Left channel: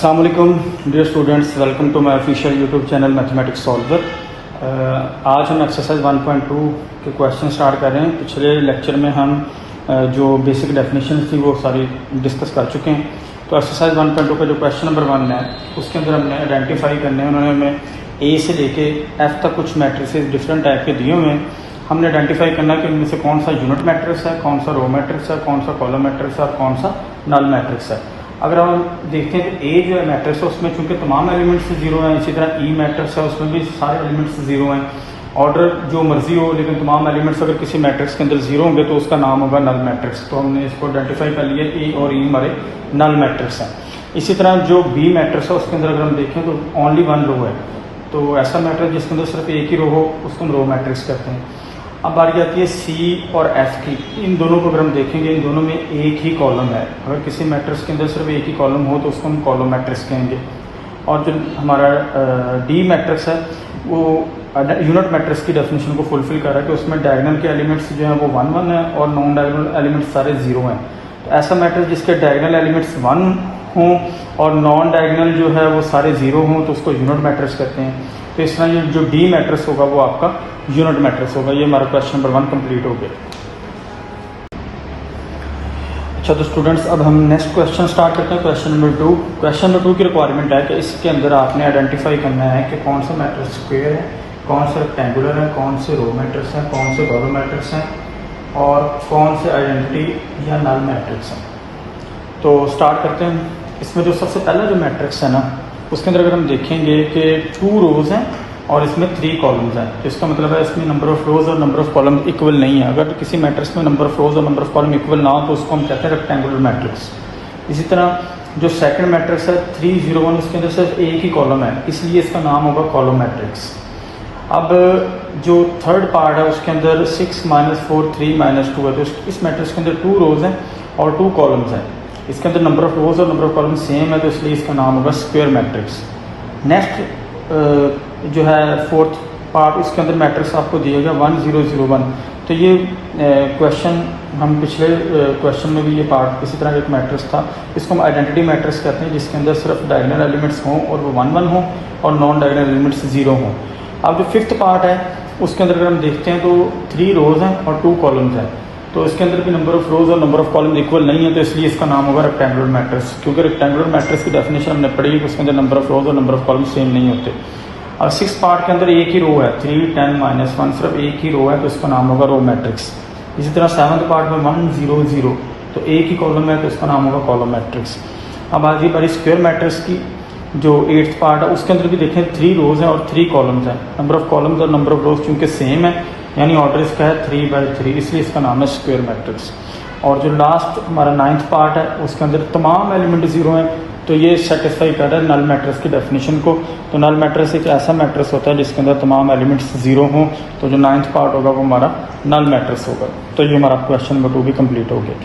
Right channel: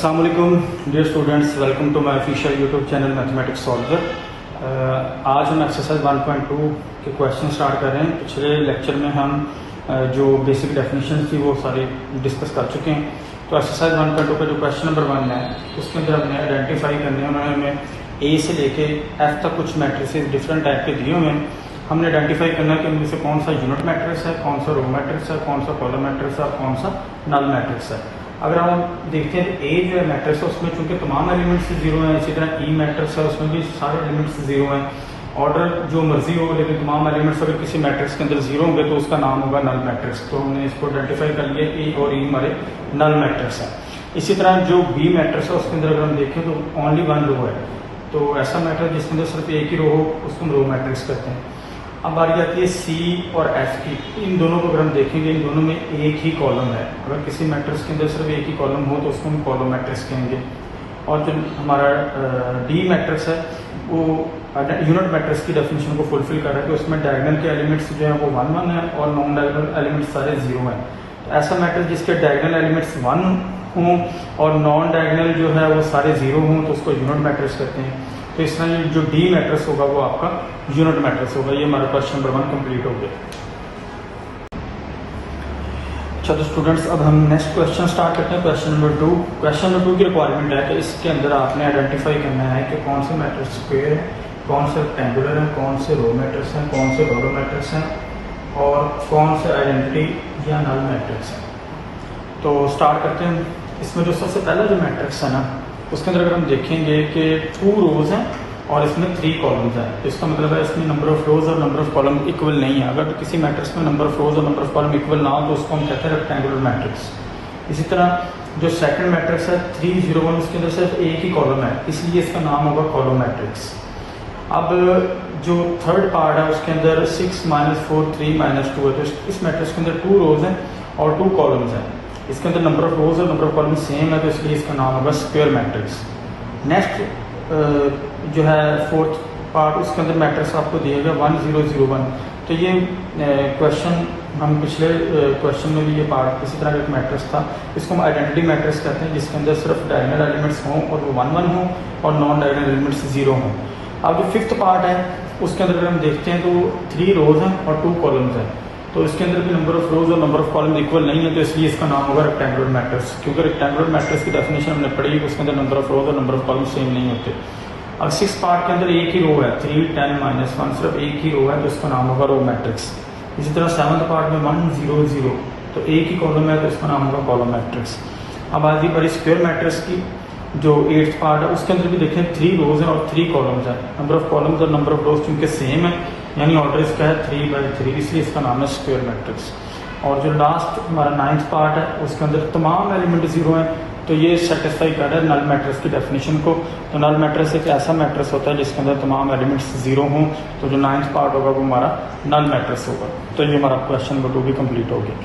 अस्सलाम वालेकुम dear students, welcome to my official YouTube channel mathematics solver. आज हम एक्सरसाइज 1.2 के क्वेश्चन स्टार्ट कर रहे हैं। पिछले लेक्चर में हम जो बेसिक डेफिनेशन थी वो सारी डिस्कस कर चुके हैं। तो एक्सरसाइज 1.2 का जो क्वेश्चन नंबर 1 है उसके अंदर हमने आइडेंटिफाई करने हैं। उन्होंने हमें ए से लेके एफ तक कुछ मैट्रिसेस डिफरेंट टाइप के दिए हुए हैं। हमने आइडेंटिफाई करना कि उनमें से कौन सा यूनिट मैट्रिक्स है, कौन सा रो मैट्रिक्स है, कौन सा कॉलम मैट्रिक्स है, कौन सा नल मैट्रिक्स है। अगर हम देखते हैं तो ए जो है मैट्रिक्स है उसमें चूंकि तमाम एलिमेंट्स जीरो हैं, इसी तरह ई मैट्रिक्स है उसमें भी सारे एलिमेंट्स जीरो हैं। ऑर्डर जो मर्जी हो लेकिन तमाम एलिमेंट्स अगर किसी मैट्रिक्स के अंदर जीरो होंगे तो उसका नाम होगा नल मैट्रिक्स। तो हमने इसको आइडेंटिफाई कर लिया कि ए और ई हमारे नल मैट्रिक्स हैं। इसी तरह जो बी मैट्रिक्स है उसके अंदर अगर हम देखें तो ओनली वन रो है, तो ऐसा मैट्रिक्स जिसके अंदर सिर्फ एक ही रो हो उसको हम रो मैट्रिक्स कहते हैं। अब बारी आती है सी और एफ की। इन दोनों को अगर हम देखेंगे इन दोनों में एक ही कॉलम है। अगर किसी मैट्रिक्स के अंदर सिर्फ एक ही कॉलम हो तो उसको हम कॉलम मैट्रिक्स कहेंगे। और जो हमारा डी मैट्रिक्स है वो यूनिट मैट्रिक्स की डेफिनेशन को फुलफिल कर रहा है कि उसमें डायगोनल के एलिमेंट्स जो है वो 1 1 है और नॉन डायगोनल एलिमेंट्स सारे जीरो हैं। ऐसा मैट्रिक्स जिसके डायगोनल एलिमेंट्स 1 हों और नॉन डायगोनल जो है वो सारे जीरो हों तो उसको यूनिट मैट्रिक्स कहते हैं। तो इस तरह ये जो डी मैट्रिक्स होगा वो आपका यूनिट मैट्रिक्स होगा। ये हमारा क्वेश्चन नंबर 1 कंप्लीट हो गया। अच्छा तो स्टूडेंट्स अब हम नेक्स्ट क्वेश्चन स्टार्ट करते हैं। Question number 2। क्वेश्चन नंबर 2 की रिक्वायरमेंट है कि इसके अंदर आपने आइडेंटिफाई करना है कि कौन सा मैट्रिक्स स्क्वायर है, कौन सा रेक्टेंगुलर है, कौन से रो मैट्रिक्स है, कौन से कॉलम मैट्रिक्स है और कौन से आइडेंटिटी या नल मैट्रिक्स है। तो स्टार्ट करते हैं। इसमें जो सबसे पहला जो मैट्रिक्स है ना उसके अंदर अगर हम देखेंगे कि 2 रोज हैं और इसमें 3 कॉलम्स हैं। इसका मतलब है इसमें नंबर ऑफ रोज और नंबर ऑफ कॉलम इक्वल नहीं है। अगर किसी मैट्रिक्स में नंबर ऑफ रोज और नंबर ऑफ कॉलम इक्वल ना हो तो उसको हम कहते हैं रेक्टेंगुलर मैट्रिक्स। इसी तरह जो सेकंड मैट्रिक्स है 3 0 1 उसके अंदर सिर्फ एक ही कॉलम है, इसलिए इसका नाम होगा कॉलम मैट्रिक्स। अब जो थर्ड पार्ट है उसके अंदर 6 -4 3 -2 है। तो इस मैट्रिक्स के अंदर 2 रोज हैं और 2 कॉलम्स हैं। इसके अंदर नंबर ऑफ रोज और नंबर ऑफ कॉलम सेम है तो इसलिए इसका नाम होगा स्क्वायर मैट्रिक्स। नेक्स्ट जो है फोर्थ पार्ट उसके अंदर मैट्रिक्स आपको दिए गए 1 0 0 1। तो ये क्वेश्चन हम पिछले क्वेश्चन में भी ये पार्ट इसी तरह एक मैट्रिक्स था। इसको हम आइडेंटिटी मैट्रिक्स कहते हैं जिसके अंदर सिर्फ डायगोनल एलिमेंट्स हों और वो 1 1 हों और नॉन डायगोनल एलिमेंट्स 0 हों। अब जो फिफ्थ पार्ट है उसके अंदर अगर हम देखते हैं तो 3 रोज हैं और 2 कॉलम्स हैं। तो इसके अंदर भी नंबर ऑफ रोज और नंबर ऑफ कॉलम इक्वल नहीं है तो इसलिए इसका नाम होगा रेक्टेंगुलर मैट्रिक्स। क्योंकि रेक्टेंगुलर मैट्रिक्स की डेफिनेशन हमने पढ़ी है कि उसके अंदर नंबर ऑफ रोज और नंबर ऑफ कॉलम सेम नहीं होते। और 6 पार्ट के अंदर एक ही रो है 3 10 -1, सिर्फ एक ही रो है तो इसका नाम होगा रो मैट्रिक्स। इसी तरह 7th पार्ट में 1 0 0 तो एक ही कॉलम है तो इसका नाम होगा कॉलम मैट्रिक्स। अब आगे बड़ी स्क्वायर मैट्रिक्स की जो 8th पार्ट है उसके अंदर भी देखें 3 रोज हैं और 3 कॉलम्स हैं। नंबर ऑफ कॉलम्स और नंबर ऑफ रोज चूंकि सेम है यानी ऑर्डर इसका है 3/3, इसलिए इसका नाम है स्क्वायर मैट्रिक्स। और जो लास्ट हमारा 9th पार्ट है उसके अंदर तमाम एलिमेंट 0 हैं तो ये सेटिस्फाई कर रहा है नल मैट्रिक्स की डेफिनेशन को। तो नल मैट्रिक्स एक ऐसा मैट्रिक्स होता है जिसके अंदर तमाम एलिमेंट्स 0 हों। तो जो 9th पार्ट होगा वो हमारा नल मैट्रिक्स होगा। तो ये हमारा क्वेश्चन नंबर 2 भी कंप्लीट हो गया।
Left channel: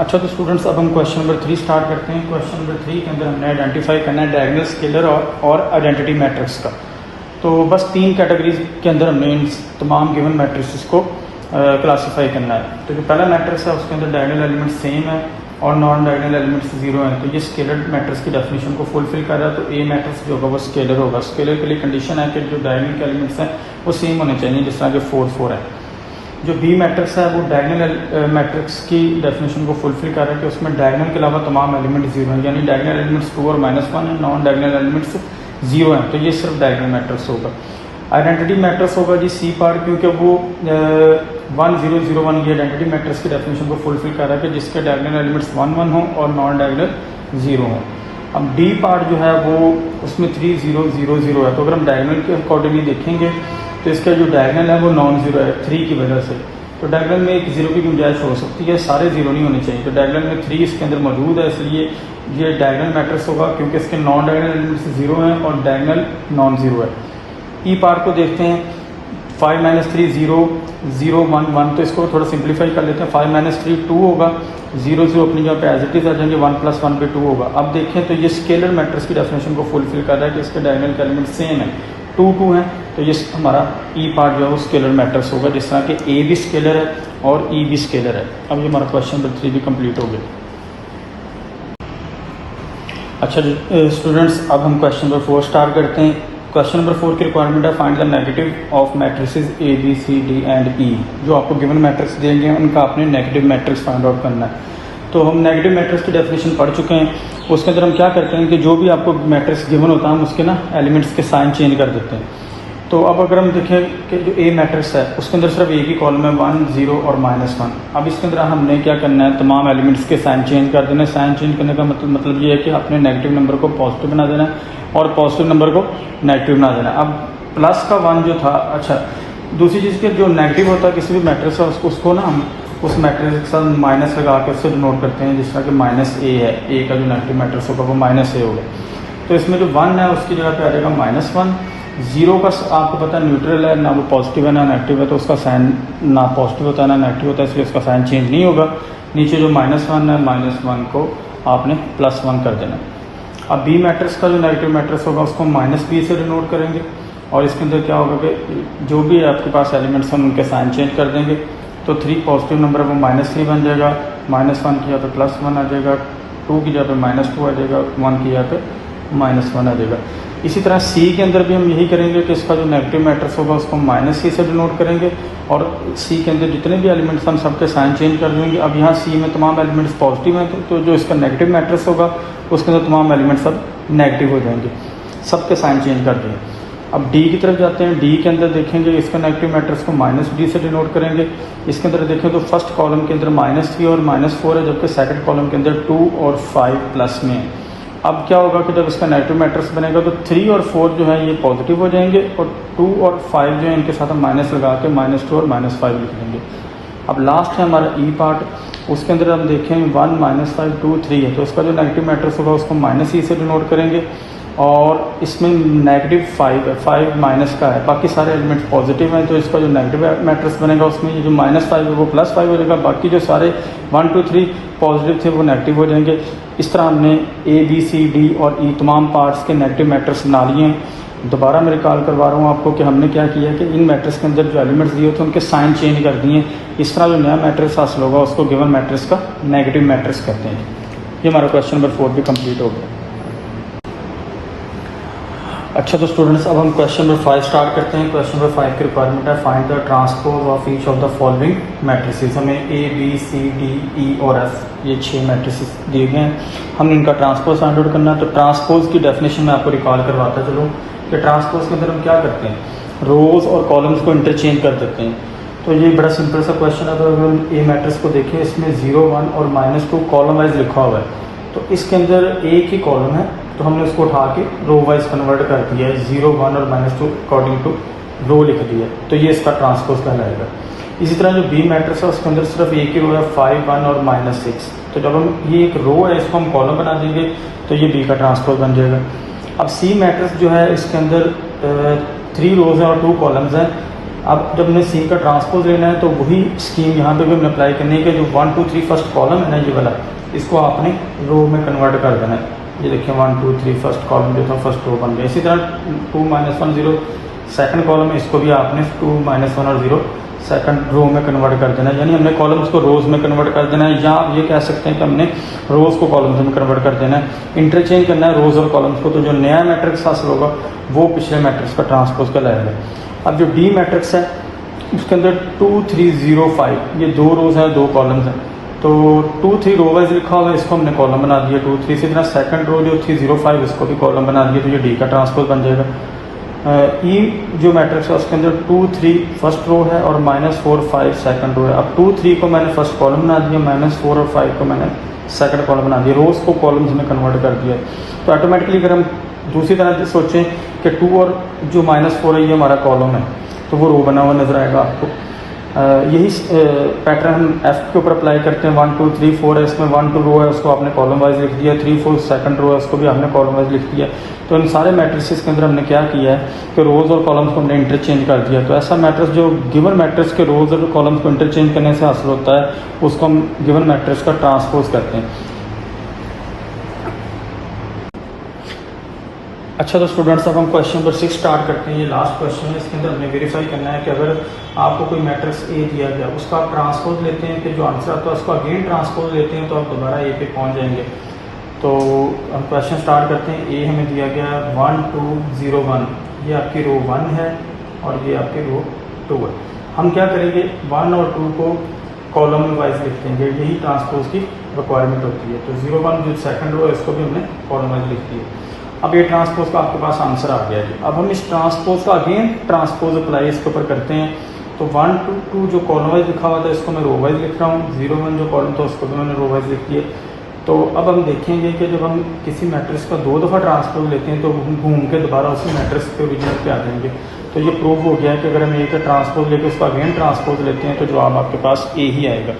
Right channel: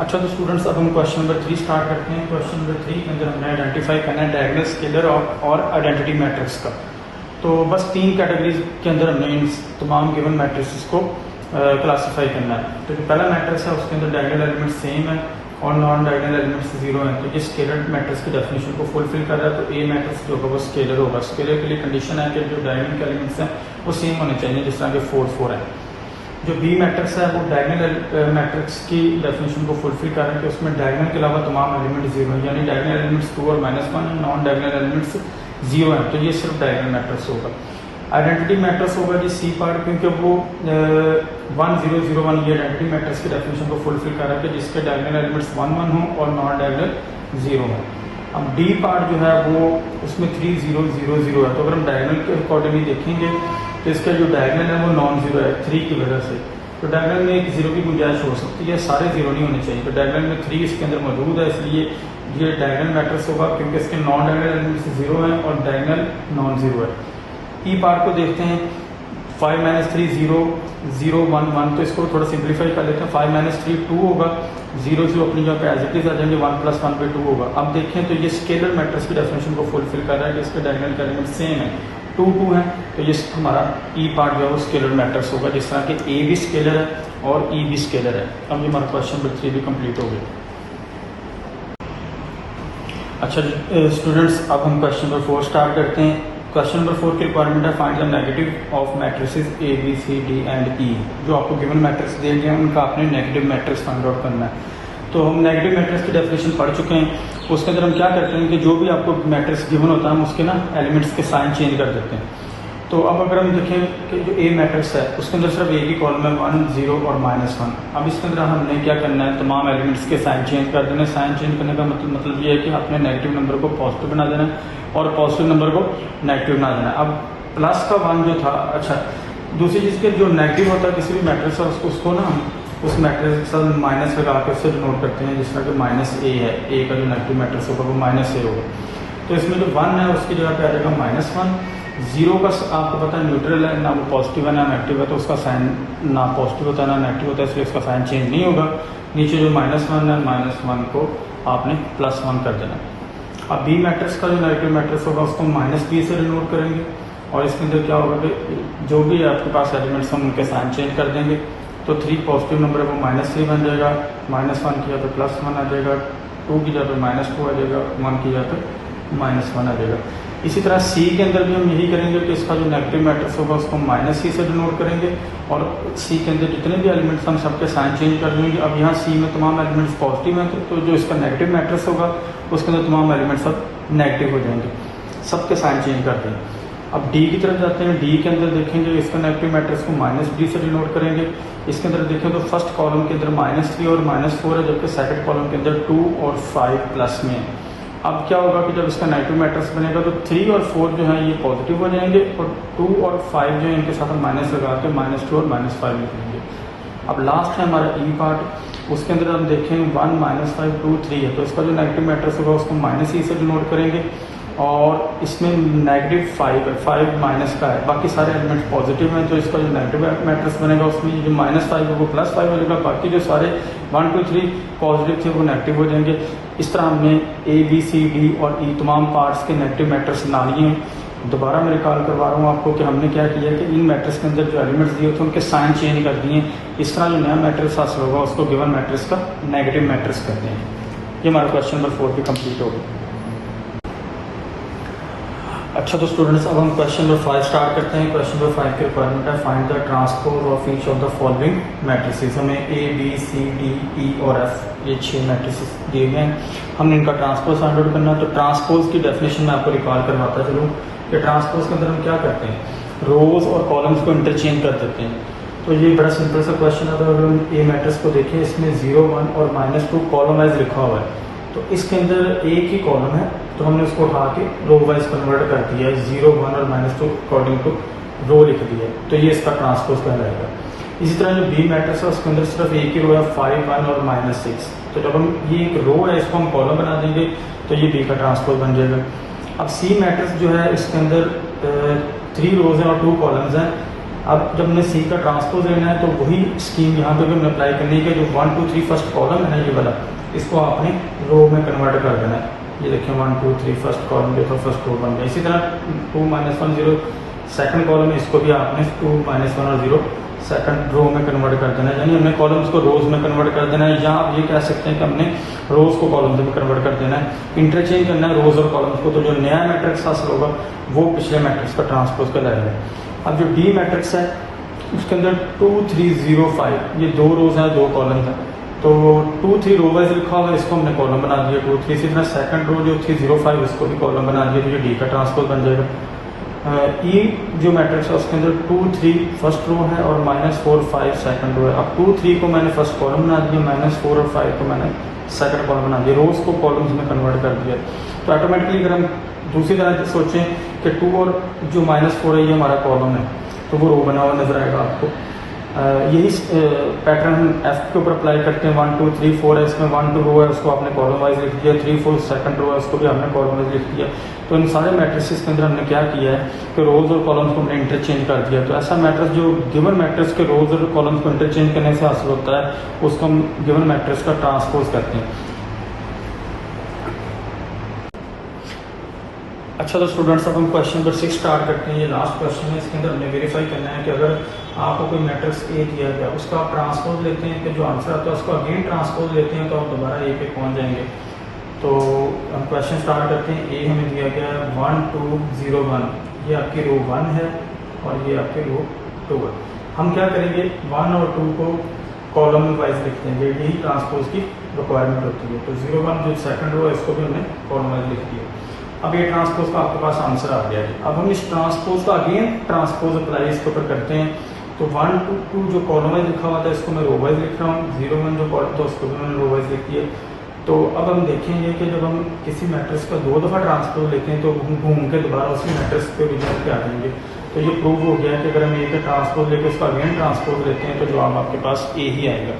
अच्छा तो स्टूडेंट्स अब हम क्वेश्चन नंबर 3 स्टार्ट करते हैं। क्वेश्चन नंबर 3 के अंदर हमने आइडेंटिफाई करना है डायगोनल, स्केलर और आइडेंटिटी मैट्रिक्स का। तो बस 3 कैटेगरीज के अंदर हमने तमाम गिवन मैट्रिक्स को क्लासीफाई करना है। तो जो पहला मैट्रिक्स है उसके अंदर डायगोनल एलिमेंट्स सेम है और नॉन डायगोनल एलिमेंट्स 0 है। तो ये स्केलर मैट्रिक्स की डेफिनेशन को फुलफिल कर रहा है। तो ए मैट्रिक्स जो होगा वो स्केलर होगा। स्केलर के लिए कंडीशन है कि जो डायगोनल के एलिमेंट्स हैं वो सेम होने चाहिए, जिस तरह के 4 4 है। जो बी मैट्रिक्स है वो डायगोनल मैट्रिक्स की डेफिनेशन को फुलफिल कर रहा है कि उसमें डायगोनल के अलावा तमाम एलिमेंट 0 हैं, यानी डायगोनल एलिमेंट्स 2 और -1, नॉन डायगोनल एलिमेंट्स 0 है। तो ये सिर्फ डायगोनल मैट्रिक्स होगा। आइडेंटिटी मैट्रिक्स होगा जी सी पार्ट, क्योंकि वो 1 0 0 1 ये आइडेंटिटी मैट्रिक्स की डेफिनेशन को फुलफिल कर रहा है कि जिसके डायगोनल एलिमेंट्स 1 1 हो और नॉन डायगोनल 0 है। अब डी पार्ट जो है वो उसमें 3 0 0 0 है। तो अगर हम डायगोनल के अकॉर्डिंगली देखेंगे तो इसका जो डायगोनल है वो नॉन 0 है 3 की वजह से। तो डायगोनल में एक 0 की गुंजाइश हो सकती है, सारे 0 नहीं होने चाहिए। तो डायगोनल में 3 इसके अंदर मौजूद है, इसलिए ये डायगोनल मैट्रिक्स होगा क्योंकि इसके नॉन डायगोनल एलिमेंट्स 0 हैं और डायगोनल नॉन 0 है। ई पार्ट को देखते हैं 5 -3 0 0 1 1। तो इसको थोड़ा सिंप्लीफाई कर लेते हैं। 5 -3 2 होगा, 0 0 अपनी जगह पे एज इट इज आ जाएंगे, 1 + 1 पे 2 होगा। अब देखें तो ये स्केलर मैट्रिक्स की डेफिनेशन को फुलफिल कर रहा है कि इसके डायगोनल के एलिमेंट सेम है, 2 2 है। तो ये हमारा ई पार्ट जो है वो स्केलर मैट्रिक्स होगा, जिस तरह कि ए भी स्केलर है और ई भी स्केलर है। अब ये हमारा क्वेश्चन नंबर 3 भी कंप्लीट हो गया। अच्छा स्टूडेंट्स, अब हम क्वेश्चन नंबर 4 स्टार्ट करते हैं। क्वेश्चन नंबर 4 की रिक्वायरमेंट है find the negative of matrices A B C D and E. जो आपको गिवन मैट्रिक्स देंगे उनका आपने नेगेटिव मैट्रिक्स फाइंड आउट करना है। तो हम नेगेटिव मैट्रिक्स की डेफिनेशन पढ़ चुके हैं। उसके अंदर हम क्या करते हैं कि जो भी आपको मैट्रिक्स गिवन होता है हम उसके ना एलिमेंट्स के साइन चेंज कर देते हैं। तो अब अगर हम देखें कि जो ए मैट्रिक्स है उसके अंदर सिर्फ एक ही कॉलम है 1 0 और -1। अब इसके अंदर हमने क्या करना है, तमाम एलिमेंट्स के साइन चेंज कर देना है। साइन चेंज करने का मतलब ये है कि आपने नेगेटिव नंबर को पॉजिटिव बना देना है और पॉजिटिव नंबर को नेगेटिव बना देना है। अब प्लस का 1 जो था, अच्छा दूसरी चीज़ के जो नेगेटिव होता है किसी भी मैट्रिक्स है उसको ना हम उस मैट्रिक्स के साथ माइनस लगा के उससे डिनोट करते हैं। जिस तरह कि -a है, ए का जो नेगेटिव मैट्रिक्स होगा वो -a होगा। तो इसमें जो 1 है उसकी जगह पे आ जाएगा -1। 0 का आपको पता है न्यूट्रल है, ना पॉजिटिव है ना नेगेटिव है, तो उसका साइन ना पॉजिटिव होता है ना नेगेटिव होता है, इसलिए उसका साइन चेंज नहीं होगा। नीचे जो -1 है, -1 को आपने +1 कर देना। अब बी मैट्रिक्स का जो नेगेटिव मैट्रिक्स होगा उसको -b से डिनोट करेंगे और इसके अंदर क्या होगा कि जो भी आपके पास एलिमेंट्स हैं उनके साइन चेंज कर देंगे। तो 3 पॉजिटिव नंबर को -3 बन जाएगा, -1 की जगह पे +1 आ जाएगा, 2 की जगह पे -2 आ जाएगा, 1 की जगह पे -1 आ जाएगा। इसी तरह सी के अंदर भी हम यही करेंगे कि इसका जो नेगेटिव मैट्रिक्स होगा उसको -c से डिनोट करेंगे और सी के अंदर जितने भी एलिमेंट्स हम सबके साइन चेंज कर देंगे। अब यहाँ सी में तमाम एलिमेंट्स पॉजिटिव हैं तो जो इसका नेगेटिव मैट्रिक्स होगा उसके अंदर तमाम एलिमेंट्स सब नेगेटिव हो जाएंगे, सबके साइन चेंज कर देंगे। अब डी की तरफ जाते हैं। डी के अंदर देखेंगे इसका नेगेटिव मैट्रिक्स को -d से डिनोट करेंगे। इसके अंदर देखें तो फर्स्ट कॉलम के अंदर -3 और -4 है, जबकि सेकंड कॉलम के अंदर 2 और 5 प्लस में। अब क्या होगा कि जब इसका नेगेटिव मैट्रिक्स बनेगा तो 3 और 4 जो है ये पॉजिटिव हो जाएंगे और 2 और 5 जो है इनके साथ हम माइनस लगा के -2 और -5 लिख लेंगे। अब लास्ट है हमारा ई पार्ट। उसके अंदर हम देखें 1 -5 2 3 है, तो इसका जो नेगेटिव मैट्रिक्स होगा उसको -e से डिनोट करेंगे और इसमें -5 माइनस का है, बाकी सारे एलिमेंट पॉजिटिव हैं, तो इसका जो नेगेटिव मैट्रिक्स बनेगा उसमें ये जो -5 है वो +5 हो जाएगा, बाकी जो सारे 1 2 3 पॉजिटिव थे वो नेगेटिव हो जाएंगे। इस तरह हमने ए बी सी डी और ई तमाम पार्ट्स के नेगेटिव मैट्रिक्स बना लिए। दोबारा मैं रिकॉल करवा रहा हूँ आपको कि हमने क्या किया कि इन मैट्रिक्स के अंदर जो एलिमेंट्स दिए थे उनके साइन चेंज कर दिए। इस तरह जो नया मैट्रिक्स हासिल होगा उसको गिवन मैट्रिक्स का नेगेटिव मैट्रिक्स करते हैं। ये हमारा क्वेश्चन नंबर 4 भी कंप्लीट हो गया। अच्छा तो स्टूडेंट्स, अब हम क्वेश्चन नंबर 5 स्टार्ट करते हैं। क्वेश्चन नंबर 5 की रिक्वायरमेंट है find the transpose of each of the following matrices. हमें ए बी सी डी ई और एफ ये 6 मैट्रिसेस दिए गए हैं, हमने इनका ट्रांसपोज फाइंड आउट करना है। तो ट्रांसपोज की डेफिनेशन में आपको रिकॉल करवाता चलूँ कि ट्रांसपोज के अंदर हम क्या करते हैं, रोज और कॉलम्स को इंटरचेंज कर देते हैं। तो ये बड़ा सिंपल सा क्वेश्चन है। तो अगर हम ए मैट्रिक्स को देखें, इसमें 0 1 और -2 कॉलम वाइज लिखा हुआ है, तो इसके अंदर एक ही कॉलम है तो हमने उसको उठा के रो वाइज कन्वर्ट कर दिया है। 0 1 और -2 अकॉर्डिंग टू रो लिख दिया है, तो ये इसका ट्रांसपोज कहलाएगा। इसी तरह जो बी मैट्रिक्स है उसके अंदर सिर्फ एक ही रो है 5 1 और -6, तो जब हम ये एक रो है इसको हम कॉलम बना देंगे तो ये बी का ट्रांसपोज बन जाएगा। अब सी मैट्रिक्स जो है इसके अंदर 3 रोज हैं और 2 कॉलम्स हैं। अब जब हमने सी का ट्रांसपोज लेना है तो वही स्कीम यहाँ पे भी हमें अप्लाई करनी है कि जो 1 2 3 फर्स्ट कॉलम है ये वाला, इसको आपने रो में कन्वर्ट कर देना है। ये देखिए 1 2 3 फर्स्ट कॉलम देखो, फर्स्ट रो बन गया। इसी तरह 2 -1 0 सेकंड कॉलम, इसको भी आपने 2 -1 और 0 सेकंड रो में कन्वर्ट कर देना है। यानी हमने कॉलम्स को रोज में कन्वर्ट कर देना है, या आप ये कह सकते हैं कि हमने रोज को कॉलम्स में कन्वर्ट कर देना है। इंटरचेंज करना है रोज और कॉलम्स को, तो जो नया मैट्रिक्स हासिल होगा वो पिछले मैट्रिक्स का ट्रांसपोज का लेगा। अब जो डी मैट्रिक्स है उसके अंदर 2 3 0 5 ये 2 रोज हैं 2 कॉलम्स हैं, तो 2 3 रो वाइज लिखा हुआ है, इसको हमने कॉलम बना दिया 2 3 से। सेकंड रो जो थी 0 5 इसको भी कॉलम बना दिया, तो ये डी का ट्रांसपोज बन जाएगा। ई जो मैट्रिक्स है उसके अंदर 2 3 फर्स्ट रो है और -4 5 सेकंड रो है। अब 2 3 को मैंने फर्स्ट कॉलम बना दिया, -4 और 5 को मैंने सेकंड कॉलम बना दिया, रोज को कॉलम्स में कन्वर्ट कर दिया। तो ऑटोमेटिकली अगर हम दूसरी तरह से सोचें कि 2 और जो -4 है ये हमारा कॉलम है, तो वो रो बना हुआ नजर आएगा आपको। यही पैटर्न हम एफ के ऊपर अप्लाई करते हैं। 1 2 3 4 है, इसमें 1 2 रो है उसको आपने कॉलम वाइज लिख दिया, 3 4 सेकंड रो है उसको भी हमने कॉलम वाइज लिख दिया। तो इन सारे मैट्रिसेस के अंदर हमने क्या किया है कि रोज और कॉलम्स को हमने इंटरचेंज कर दिया। तो ऐसा मैट्रिक्स जो गिवन मैट्रिक्स के रोज और कॉलम्स को इंटरचेंज करने से हासिल होता है उसको हम गिवन मैट्रिक्स का ट्रांसपोज करते हैं। अच्छा तो स्टूडेंट्स, अब हम क्वेश्चन नंबर 6 स्टार्ट करते हैं। ये लास्ट क्वेश्चन है, इसके अंदर हमने वेरीफाई करना है कि अगर आपको कोई मैट्रिक्स ए दिया गया उसका आप ट्रांसपोज लेते हैं कि जो आंसर आता है उसको अगेन ट्रांसपोज लेते हैं तो आप दोबारा ए पे पहुंच जाएंगे। तो क्वेश्चन स्टार्ट करते हैं। ए हमें दिया गया 1 2 0 1, ये आपकी रो 1 है और ये आपकी रो 2 है। हम क्या करेंगे, 1 और 2 को कॉलम वाइज लिख देंगे, यही ट्रांसपोज की रिक्वायरमेंट होती है। तो 0 1 जो सेकंड रो है इसको भी हमने कॉलम वाइज लिख दिया। अब ये ट्रांसपोज का आपके पास आंसर आ गया जी। अब हम इस ट्रांसपोज का अगेन ट्रांसपोज अप्लाई इसके ऊपर करते हैं। तो 1 2 2 जो कॉलम वाइज लिखा हुआ था इसको मैं रो वाइज लिख रहा हूँ, 0 1 जो कॉलम था उसको भी मैंने रो वाइज लिख दिया। तो अब हम देखेंगे कि जब हम किसी मैट्रिक्स का 2 दफा ट्रांसपोज लेते हैं तो हम घूम के दोबारा उसी मैट्रिक्स के ओरिजिनल पे आ जाएंगे। तो ये प्रूव हो गया कि अगर हम ए का ट्रांसपोज लेके उसको अगेन ट्रांसपोज लेते हैं तो जवाब आपके पास ए ही आएगा।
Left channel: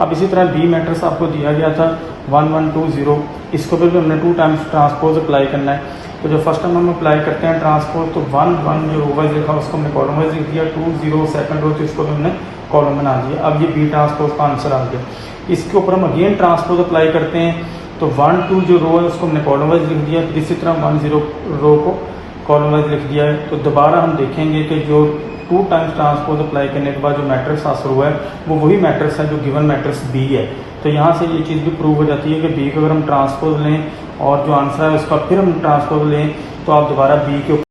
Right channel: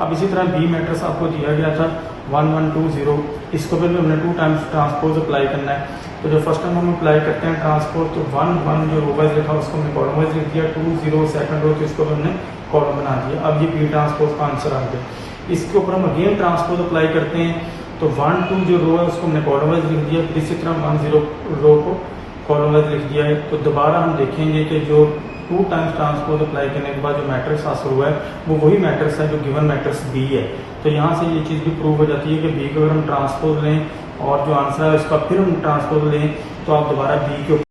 अब इसी तरह बी मैट्रिक्स आपको दिया गया था 1 1 2 0, इसको भी हमने 2 टाइम्स ट्रांसपोज अप्लाई करना है। तो जो फर्स्ट टाइम हम अप्लाई करते हैं ट्रांसपोज, तो 1 1 जो रो वाइज लिखा उसको हमने कॉलम वाइज लिख दिया, 2 0 सेकंड रो तो इसको भी हमने कॉलम बना दिया। अब ये बी ट्रांसपोज का आंसर आ गया। इसके ऊपर हम अगेन ट्रांसपोज अप्लाई करते हैं। तो 1 2 जो रो है उसको हमने कॉलम वाइज लिख दिया, फिर इसी तरह 1 0 रो को कॉलम वाइज लिख दिया है। तो दोबारा हम देखेंगे कि जो 2 टाइम्स ट्रांसपोज अप्लाई करने के बाद जो मैट्रिक्स हासिल हुआ है वो वही मैट्रिक्स है जो गिवन मैट्रिक्स बी है। तो यहाँ से ये चीज भी प्रूव हो जाती है कि बी को अगर हम ट्रांसपोज लें और जो आंसर है उसका फिर हम ट्रांसपोज लें तो आप दोबारा बी के